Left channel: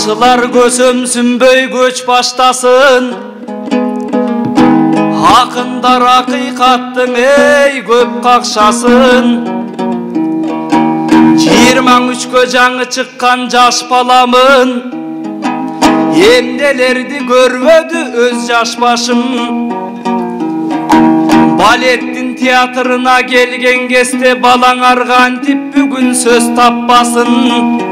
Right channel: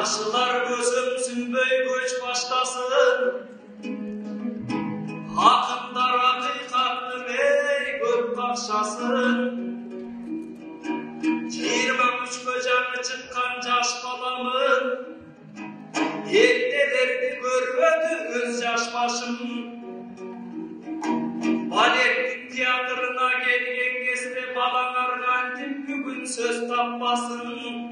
Жакшылар көсөмсүнбөй көч баштасын, акындар акыйкаттың эй көп какшасын. 23-кө жаңы чыккан жаш баламын, эмнелерди көрбөдү өз жаш башым. Балеттин театрына келген кезде балаңар кантип бүгүн сөз таппасын.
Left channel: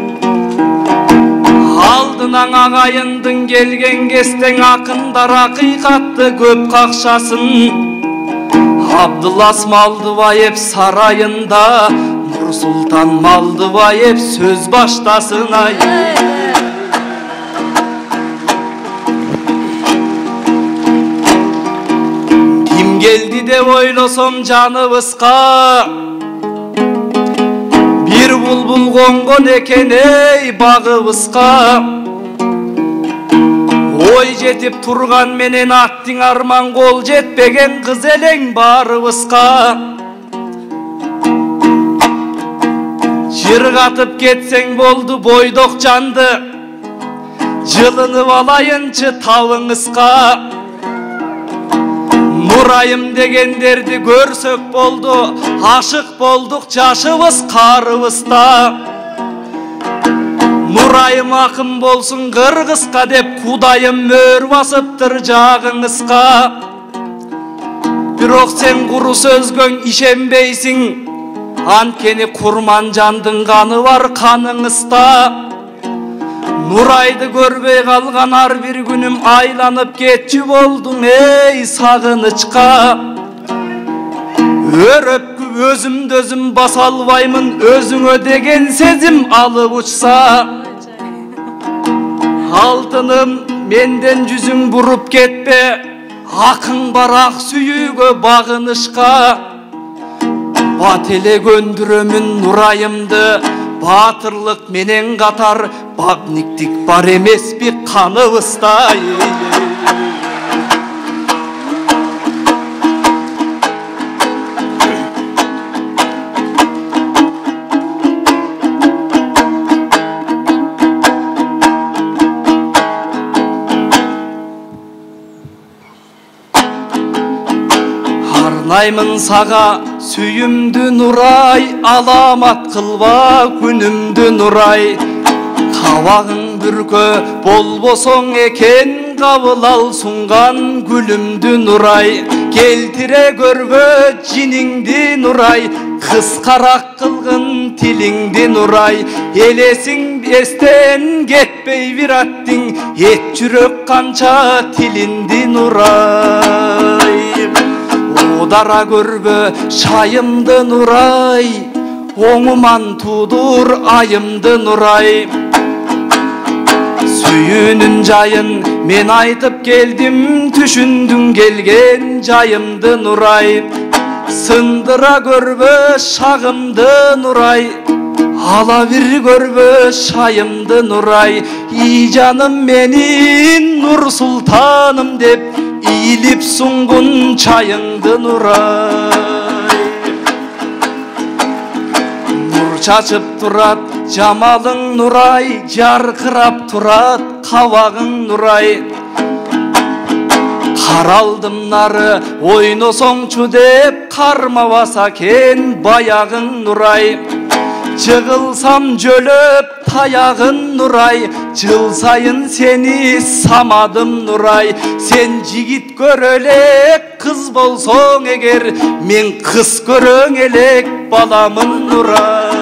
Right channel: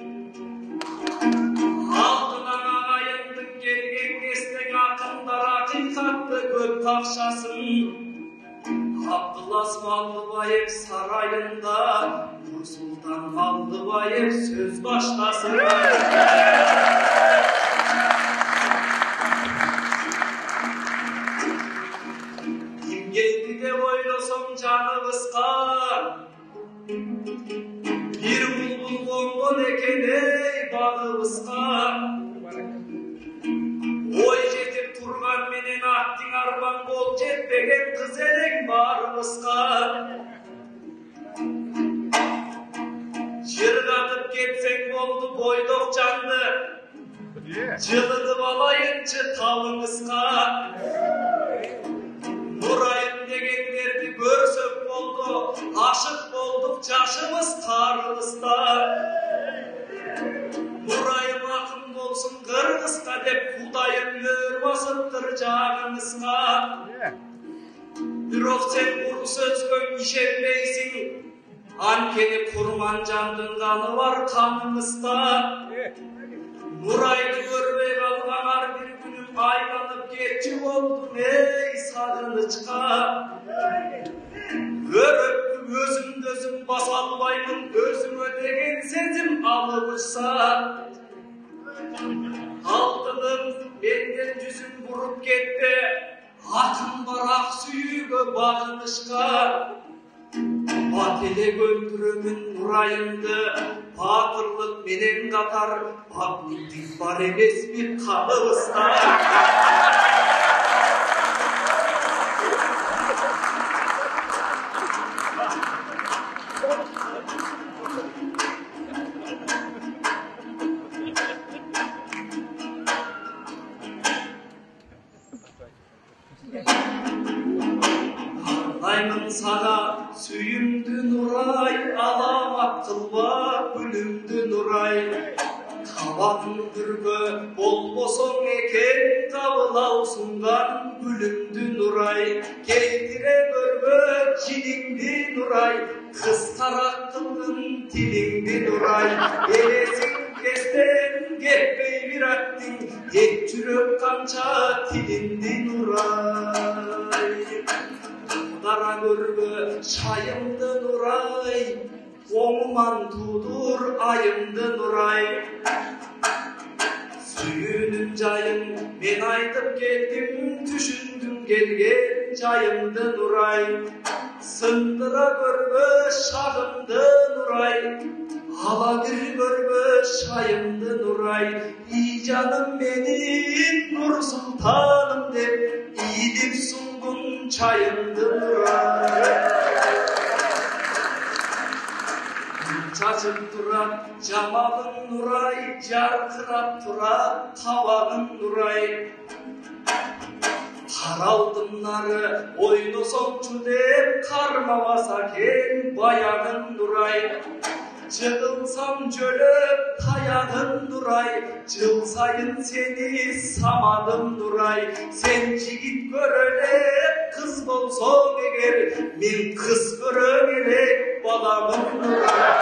Алдынан агайындың келген кестең акындар акыйкатты көп какшасын. Абдулас Малдыбаев сарайында Нурсултан Малдыбаев сөз баштасын. Ким келди деп ойлосом жаныбызга, бир булбул конгон экен эй багыбызга. Ой жетип турган менен аттың арман кол жетпеген кыз элең барыбызга. Жыргатып кетсең болду бойдок жанды, жылынып алайынчы табыңызга. Нурайым дегендерди көрсөк болду, ашык болдук жашыбыз карыбызда. Нурайым акын болсун кыргызга деп Кудайым мөр басыптыр жагыңызга. Бирок сен куру сөзгөң ишенбейсиң, анткени Курманжандын каны бар каныңызда. Нурайды көрбөй калган ар бир күнүм айланып кетчү болдуң эй сагынычка. Өрөпкү өзүмдү өзүм баса албаймын, өзүңө деген сезим алып учса. Алтыным менден жүзүң буруп кетпе, акың бар ак сүйүүгө багынышка. Бат эле көндүрөмүн Нурайымды, батырлык менен катар багниктик бар эмеспи каныбызда. Арнаймын сага сүйүмдү Нурай, аламат кылба күнүмдү Нурай. Кабагың бүркө болбосоң экен, кабыл ал сунган гүлүмдү Нурай. Келтире көрбө жиниңди Нурай, кыскараак кылгын тилиңди Нурай. Элесиң эстен кетпей бир аттың, эт жүрөк канча тилинди Нурай. Удара көрбө шайымды Нурай, оңуман тудур айымды Нурай. Сүйүүнүн жайын мен айтып келдим, түшүндүң келген жайымды Нурай. Сындыра көрбө шагымды Нурай, ала бир көрбө шайымды Нурай. И жаным менин Нурсултаным деп ийлип сунгун чайыңды Нурай. Нур чачып турат жамалың Нурай, жаркырап турат кабагың Нурай. Каралдым нары ойносоңчу деп, кармабаса кен баягың Нурай. Жығылсам жөлөп таягын Нурай, жыл сайын сени самадым Нурай. Сен жигит көрө элек кыз болсоң эгер, мен кыз көрөң элек баламын Нурай.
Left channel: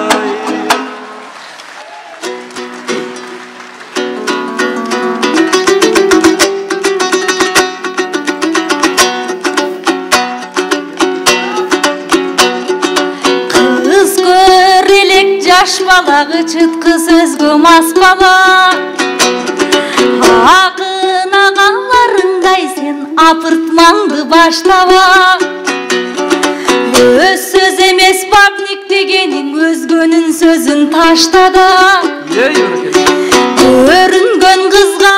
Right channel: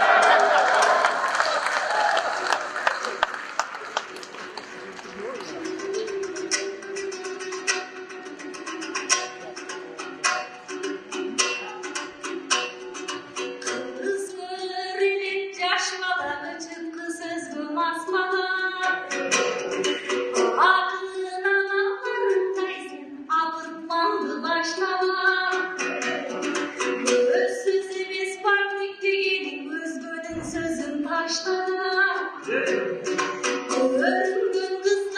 Жаш балагы чыткы сөзгө мас бала, акын агаларыңдай сен апыртмаңды баштаба. Өз сөз эмес багник дегениң, өзгөнүн сөзүн таштада. Көрүнгөн кызга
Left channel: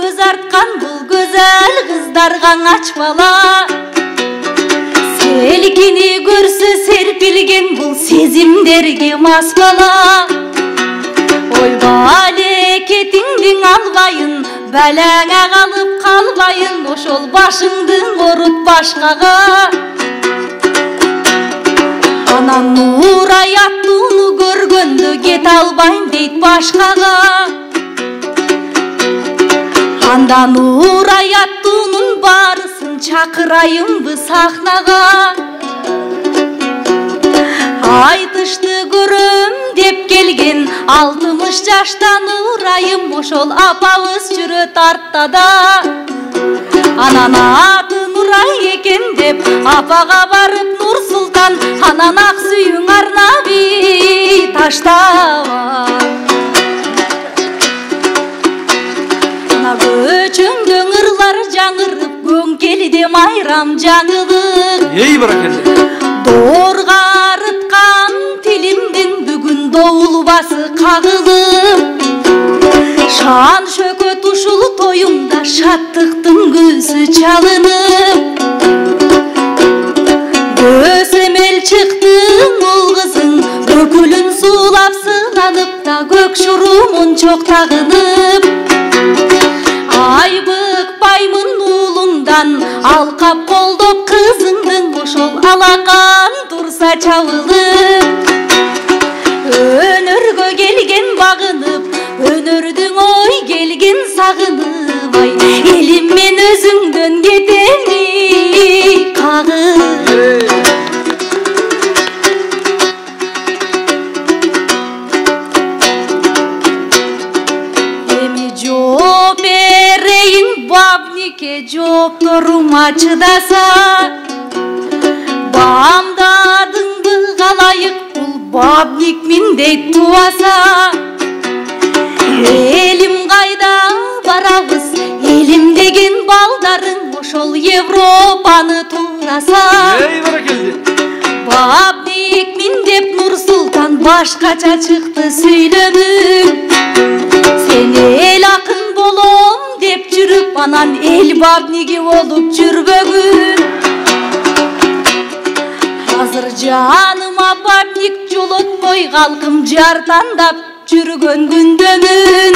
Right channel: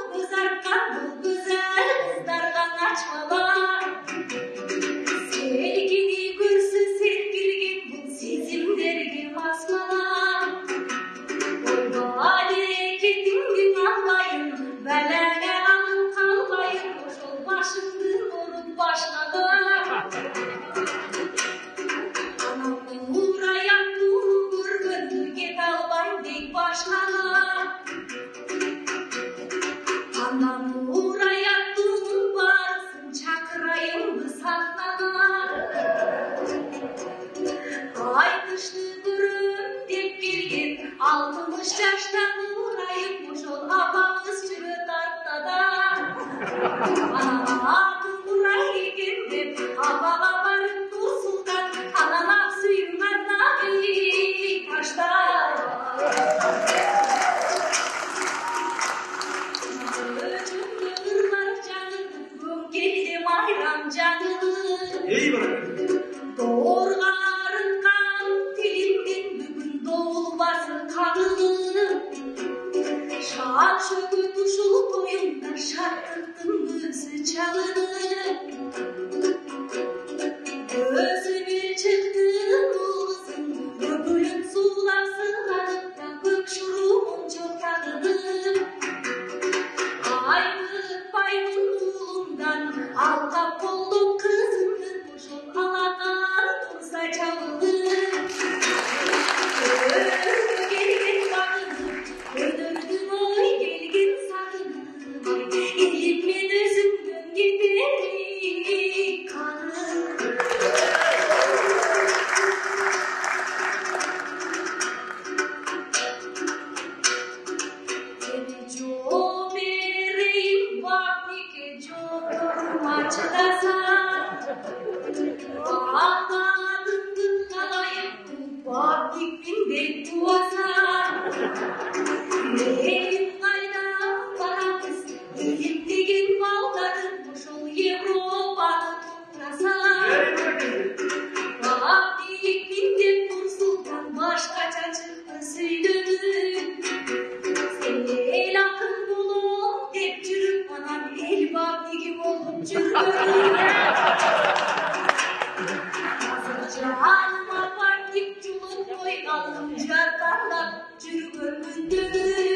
көз арткан бул көзөл кыздарга ачмала. Селкини көрсө серпилген бул сезимдерге мас бала. Ой балекетиңдин албайын, бәләңә қалып қалбайын, ошол башыңды орут башкага. Анан Нурай аттууну көргөндө кете албайм дейт башкага. Анда Нурай аттуунун барысын чакырайымбы сахнага. Айтышты көрөм деп келген 60 жашта Нурайым, ошол апабыз жүрөт артта. Анан аты Нурай экен деп апага барып Нурсултан, анан ак сүйүң арнаби таштаба. Ана көчөңдө ырлар жаңырып, көңкелде майрам жаңылык. Ей баракелде. Доорга арыткан тилимдин бүгүн доулбасы кагылып. Шан шөкөт ушул тоюмда шаттыктын көзү чалынып. Көз эмел чыкты мол кызың, көкүлүн суулап сынанып да көк шурумун чок тагынып. Айбыкпаймын уулуңдан, алкап колдоп кызыңдын, ошол алакан турса чабылып. Өнөргө келген багынып, өнөрдүң ой келген сагынып, ай элим мен өзүңдөн кетеми кагып. Эми жооп берейин бабнике, жоопторума чыдаса. Бамдадыңбы калайык бул бабник мендей туаса. Элим кайда барабыз, элим деген балдарың, ошол Европаны туураса. Бабник мен деп Нурсултан башкача чыкты сүйлөнүп. Сен эл акын болом деп жүрүп, анан эл бабниги болуп жүрбөгүн. Азыр жаныма бабник жолотпой калкым жартандап жүргөн күндөнүн.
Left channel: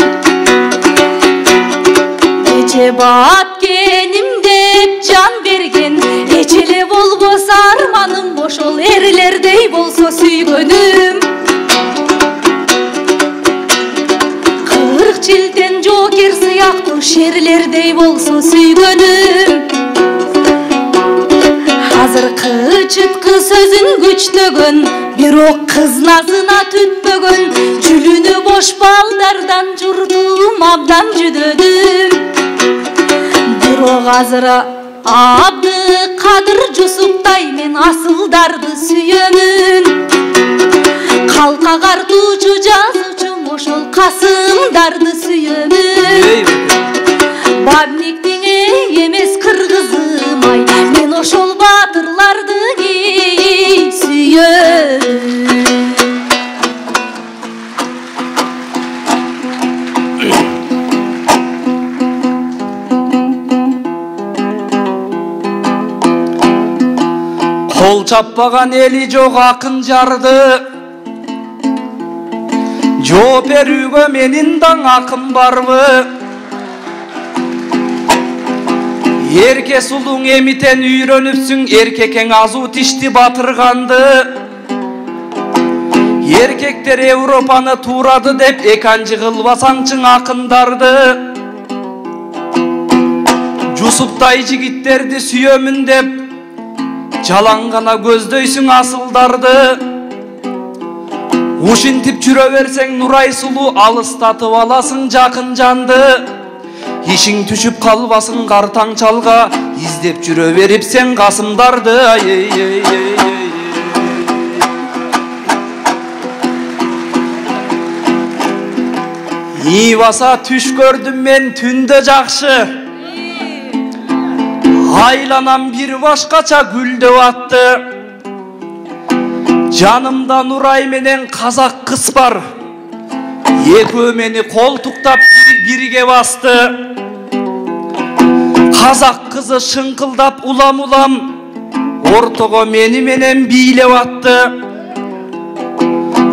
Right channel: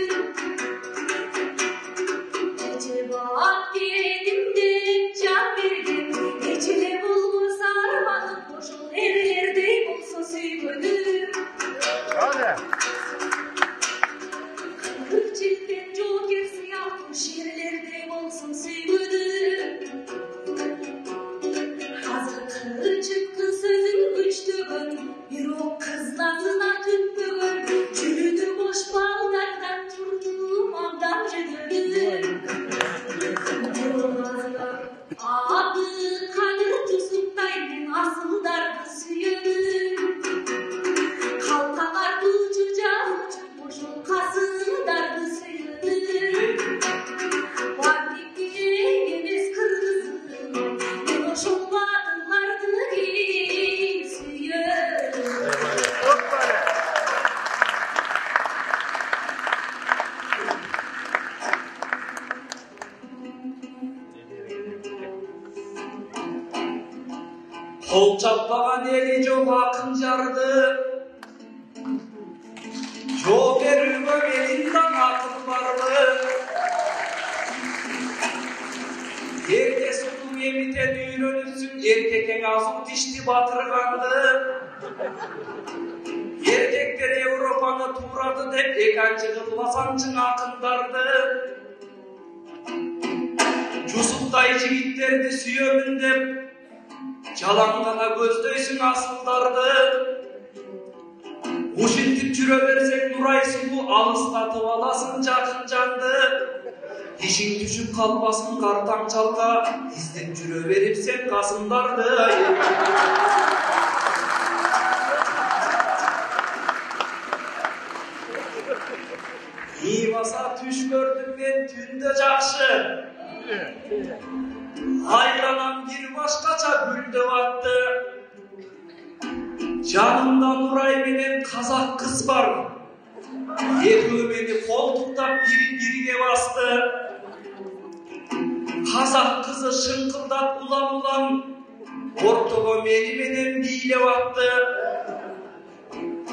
Эче бапкеним деп жан берген, эчеле болбосо арманым, ошол эрлердей болсо сүйгөнүм. 40 жылден жоокер сыяктуу шерлердей болсо сүйгөнүм. Азыр кычыткы сөзүн күчтөгөн, бирок кыз назына түтпөгөн, жүлүнү бош балдардан журдум абдан жүдөдүм. Бирок азыр Абдыкадыр Жусуптай мен асылдарды сүйөмүн. Калка картуучу жазуучум, ошол Касымдарды сүйөмүн. Бабниктин эмес кыргызым, ай мен ошол баатырларды сүйөм. Кол чаппаган эли жок акын жарды, жооп берүүгө менин даң акым барбы? Эрке сулуң эмитен үйрөнүпсүң, эркекең азуу тишти батырганды. Эркектер Европаны туурады деп эканчы кылбасаңчы акындарды. Жусуптай жигиттерди сүйөмүн деп жалаң гана көздөйсүң асылдарды. Ушинтип жүрө берсең Нурай сулуу, алыстатып аласың жакын жанды. Ишиң түшүп калбасың картаң чалга, издеп жүрө берипсең Касымдарды. Ибаса түш көрдүм мен түндө жакшы, айланам бир башкача гүлдөп атты. Жанымда Нурай менен казак кыз бар, экөө мени колтуктап бирге басты. Казак кызы шыңкылдап улам-улам ортого мени менен бийлеп атты.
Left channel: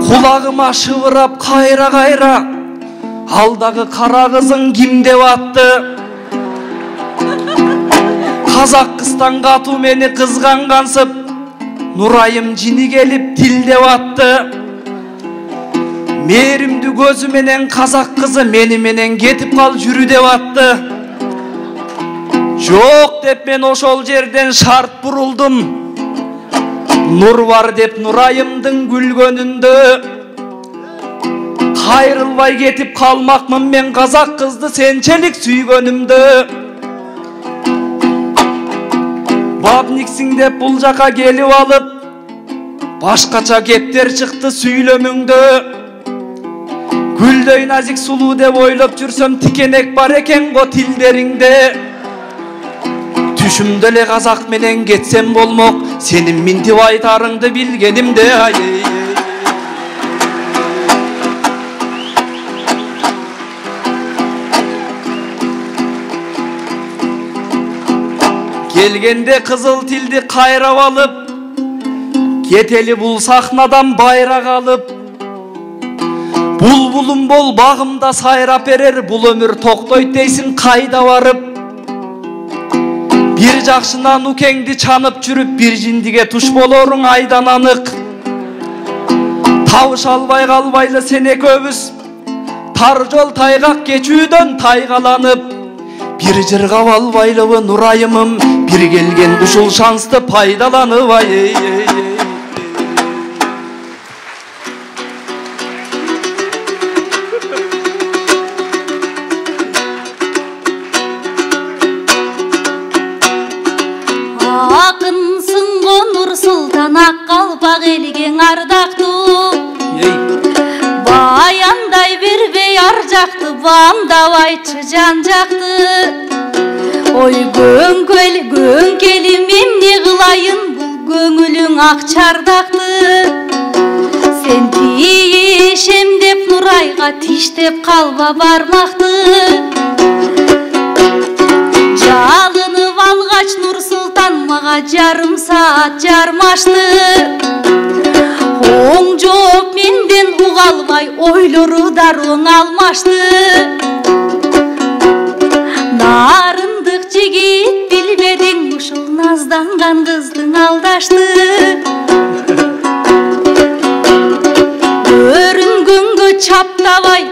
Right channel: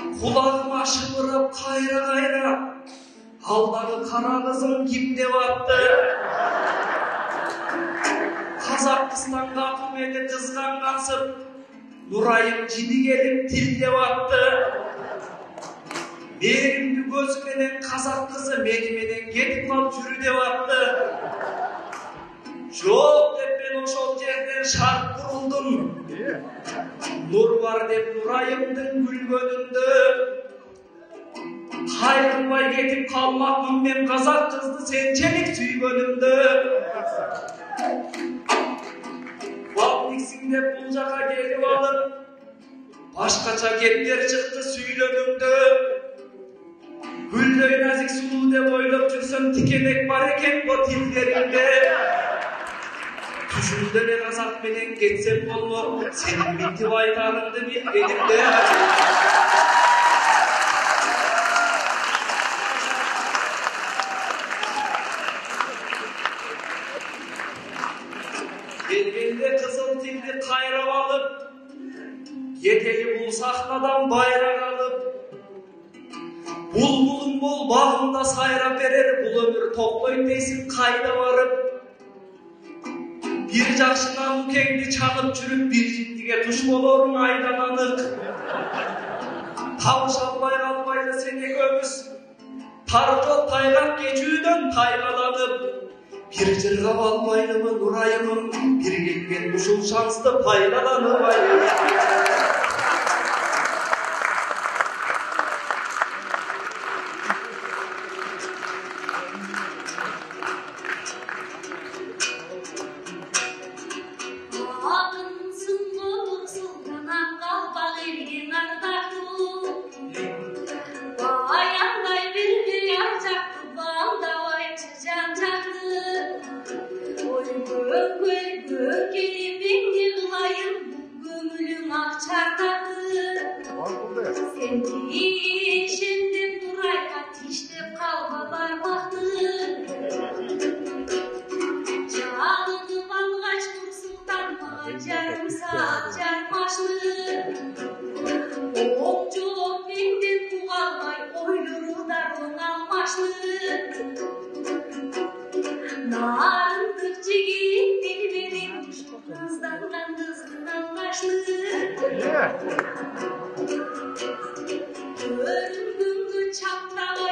Кулагыма шыбырап кайра-кайра алдағы қара қызың кім деп атты? Қазақ қыстанға ату мені қызғанғансып, Нұрайым жini келіп тил деп атты. Мерімді көзі менен қазақ қызы менен кетіп қал жүрі деп атты. Жоқ деп мен ошол жерден шарт бұрылдым. Нұр бар деп Нұрайымдың күлгөнүндө. Қайрылбай кетіп қалмақмын мен қазақ қызды сенчелік сүйгөнүмдө. Бабниксің деп бұл жаққа келіп алып, башқача кептер шықты сүйлөмүңдө. Гүлдөй назик сулуу деп ойлоп жүрсөм, тикенек бар экен го тилдериңде. Түшүмдө эле казак менен кетсем болмок, сенин минтип айтарыңды билгенимде. Келгенде кызыл тилди кайрап алып, кетели бул сахнадан байрак алып. Булбулум бол багымда сайрап берер, бул өмүр токтойт дейсиң кайда барып. Бир жакшынан укеңди чанып жүрүп, бир жиндиге туш болоруң айдан анык. Табыша албай калбайлы сен экөөбүз, тар жол тайгак кечүүдөн тайгаланып. Бир жыргап албайлыбы Нурайымым, бир келген ушул шансты пайдаланып. Акынсың го Нур Султан, ак калпак элге ардактуу. Баяндай бербей ар жакты, бамдабайчы жан жакты. Ой көңкелим эмне кылайын, бул көңүлүң ак чардакты. Сен тиешем деп Нурайга тиштеп калба бармакты. Жалынып алгач Нур Султан мага жарым саат жармашты. Оң жооп менден уга албай, ойлору даруң алмашты. Нарындык жигит билбедиң, ушул назданган кыздың алдашты. Көрүнгөнгө чаптабай,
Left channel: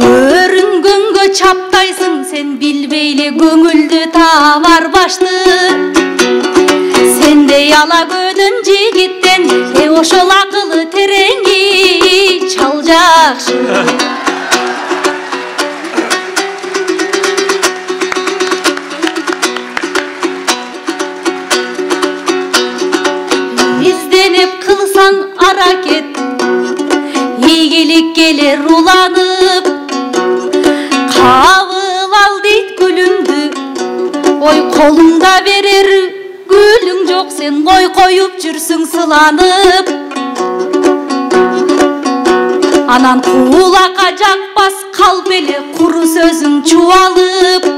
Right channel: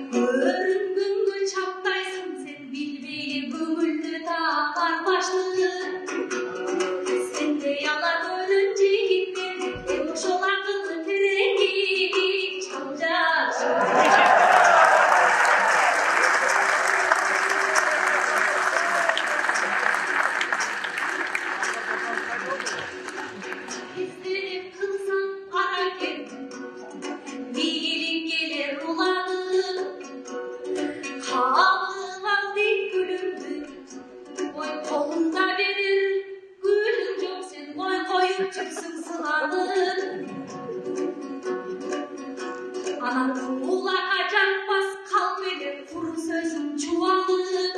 көрүнгөнгө чаптайсың, сен билбейле көңүлдү табар башты. Сендей ала көдөн жигиттен ошол акылы тереңи чал жакшы. Изденеп кылсаң аракет, ийгилик келер уланып. Кабыл ал дейт гүлүңдү, ой колуңда берер гүлүң жок, сен кой коюп жүрсүң сыланып. Анан кулакка жакпас калп эле куру сөзүң чубалып.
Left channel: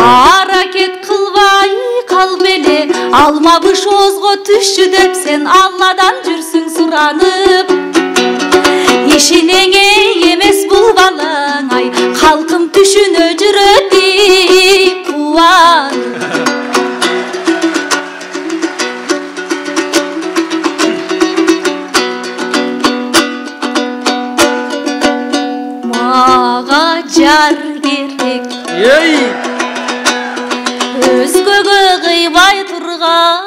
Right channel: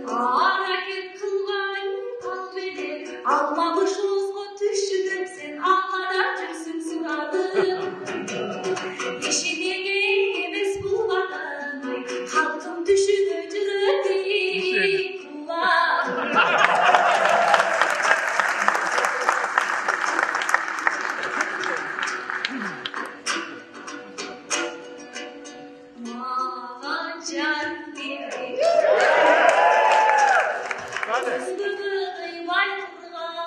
Аракет кылбай калп эле, алмабыш оозго түшчү деп сен Алладан жүрсүң суранып. Ишинеңе эмес бул балаң, ай калкым түшүнө жүрөт кубанып. Жар керек, өзгөгө кыйбай турган,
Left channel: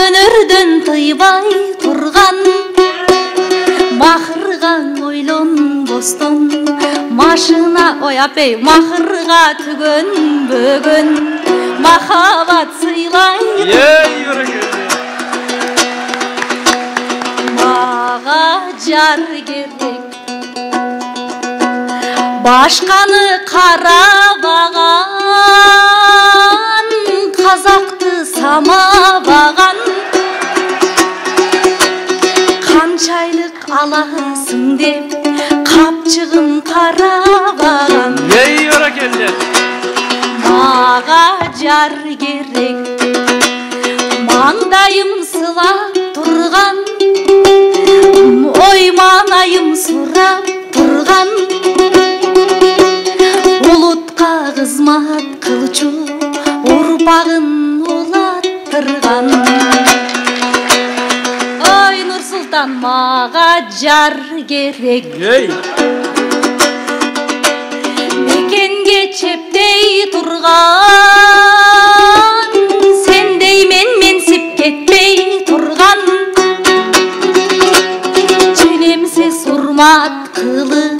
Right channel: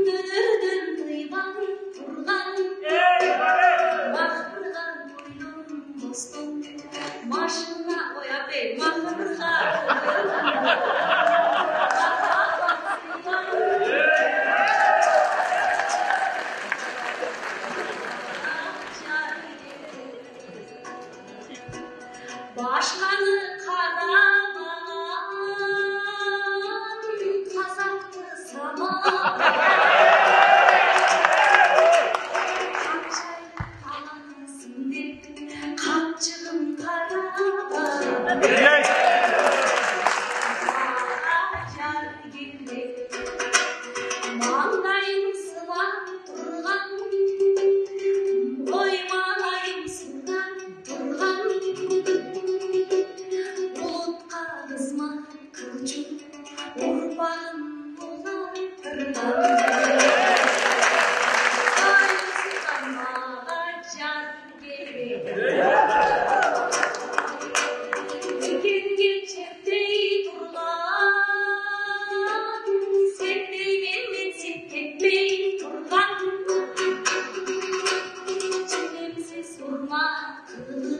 өнөрдөн тыйбай турган. Махырга ойлонбостон, машина ой апей, махырга түгөнбөгөн, махабат сыйлайды. Мага жар керек, башканы карабаган, казакты самабаган. Канчайлык аласың деп капчыгын карабаган. Мага жар керек, маңдайым сылап турган, керек. Мекенге чептей турган, сендей менсип кетпей турган, ченемсиз урмат кылып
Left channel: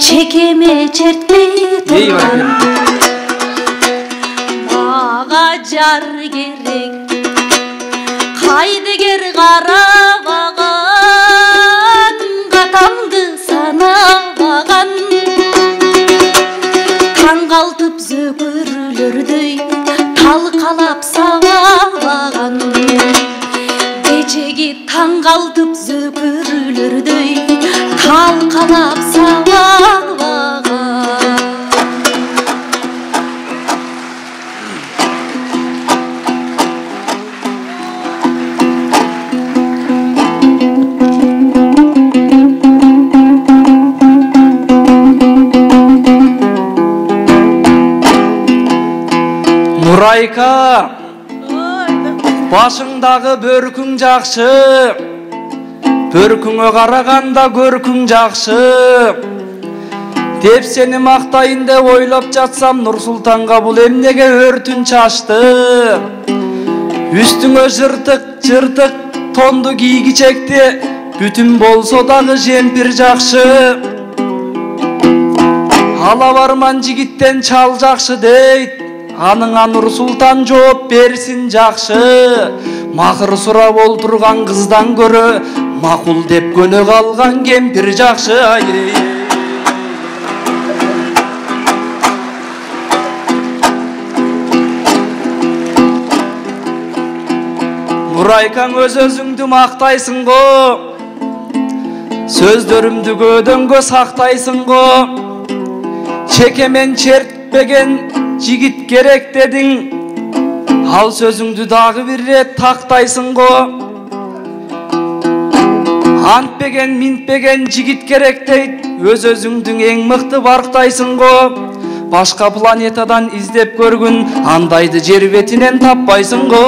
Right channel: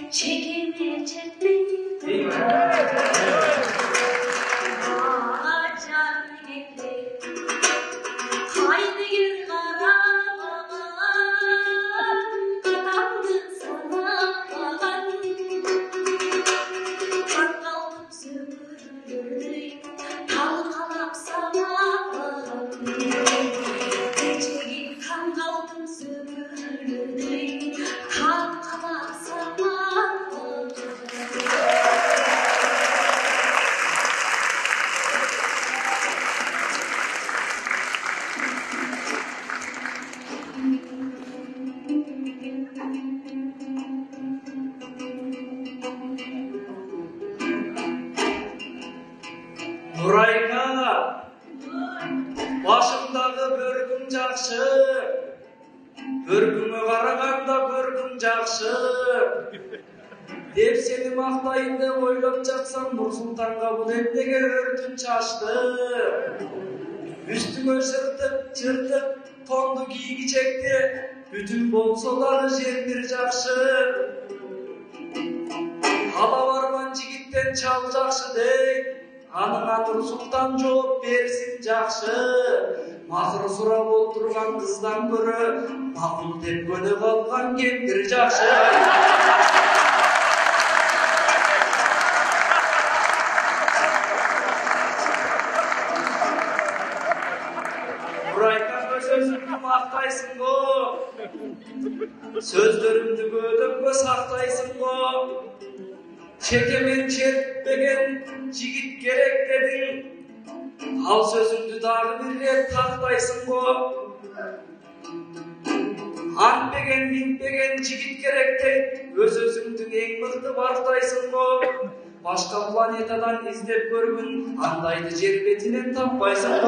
чекеме чертпей турган. Мага жар керек, кайдыгер карабаган, катамды санабаган, таң калтып зөкүрлөрдөй талкалап сабабаган, кечеги таң калтып зөкүрлөрдөй талкалап сабабаган. Нурайка, башыңдағы бөркүң жакшы, бөркүңө караганда көркүң жакшы деп сени мактайын деп ойлоп жатсам, Нурсултанга бул эмнеге өртүн чачты? Үстүңө жыртык тонду кийгичекти, бүтүн болсо дагы жемпир жакшы. Ала барман жигиттен чал жакшы дейт, аныңа Нурсултан жооп берсин жакшы. Макыр сурап олтурган кыздан көрө макул деп көнө калган кемпир жакшы. Нурайкаң өз-өзүңдү мактайсың го, сөздөрүмдү көдөңгө сактайсың го. Чекемен чертпеген жигит керек дедиң, ал сөзүңдү дагы бир рет тактайсың го. Антпеген минтпеген жигит керек дейт, өз-өзүңдүн эң мыкты барктайсың го. Башка планетадан издеп көргүн, андайды жер бетинен таппайсың го.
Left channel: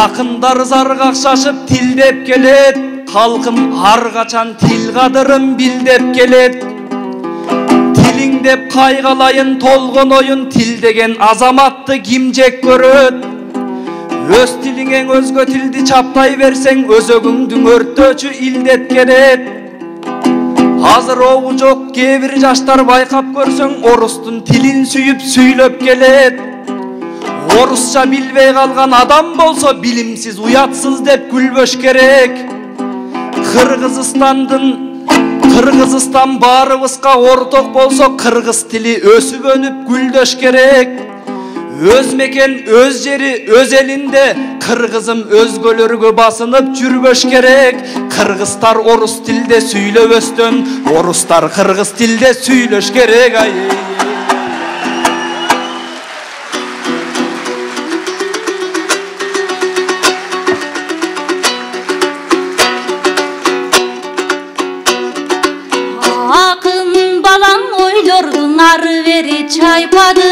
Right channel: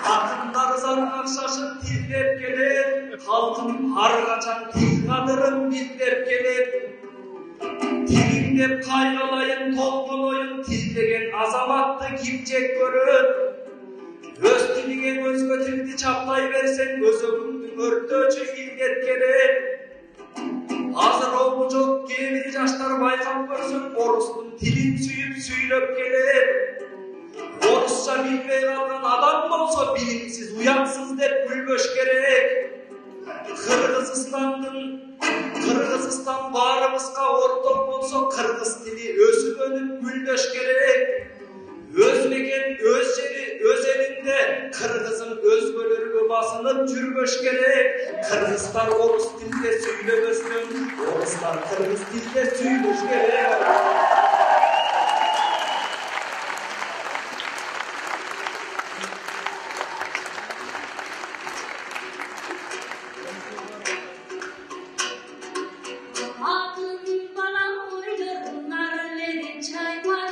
Акындар заргак шашып тилдеп келет, халкым ар качан тил кадырын билдеп келет. Тилиң деп кайгалайын толгон оюн, тил деген азаматты ким жек көрөт? Өз тилиңең өзгө тилди чаптай берсең, өзөгүңдүн өрттөөчү илдет керек. Азыр оогу жок кээ бир жаштар байкап көрсөң, орустун тилин сүйүп сүйлөп келет. Орусча билбей калган адам болсо билимсиз, уятсыз деп күлбөш керек. Кыргызстан баарыбызга орток болсо, кыргыз тили өсүп өнүп гүлдөш керек. Өз мекен, өз жери, өз элинде, кыргызым өзгөлөргө басынып жүрбөш керек. Кыргыздар орус тилде сүйлөбөстөн, орустар кыргыз тилде сүйлөш керек. Ары бери чайпады,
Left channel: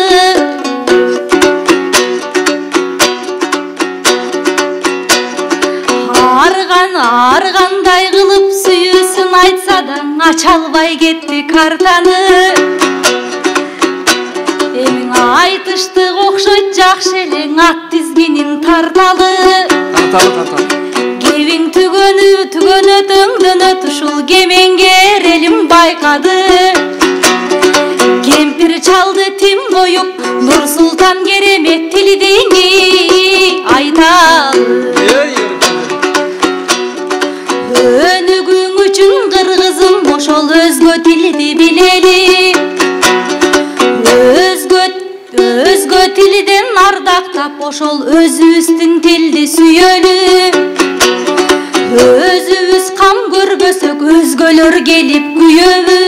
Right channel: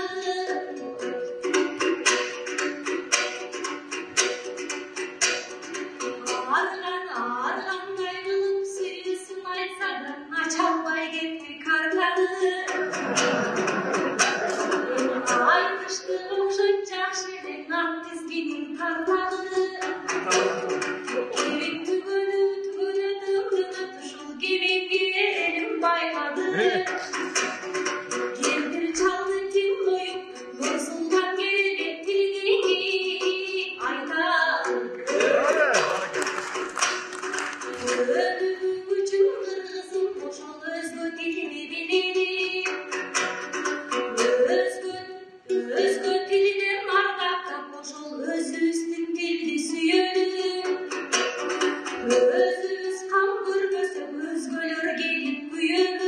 аргандай кылып сүйүүсүн айтса да ача албай кетти картаны. Эмиң айтыштык окшойт жакшы элең, ат тизгинин тарталы. Кебиң түгөнөтөңдөн өтүшул кемеңгер элим байкады. Кемпир чалды тим коюп, Нурсултан керемет тилдиңи айталы. Өнүгүң үчүн кыргызым, ошол өзгө тилди билели. Өзгө тилден ардактап, ошол өзүбүздүн тилди сүйөлү. Өзүбүз кам көрбөсөк, өзгөлөр келип күйөбү.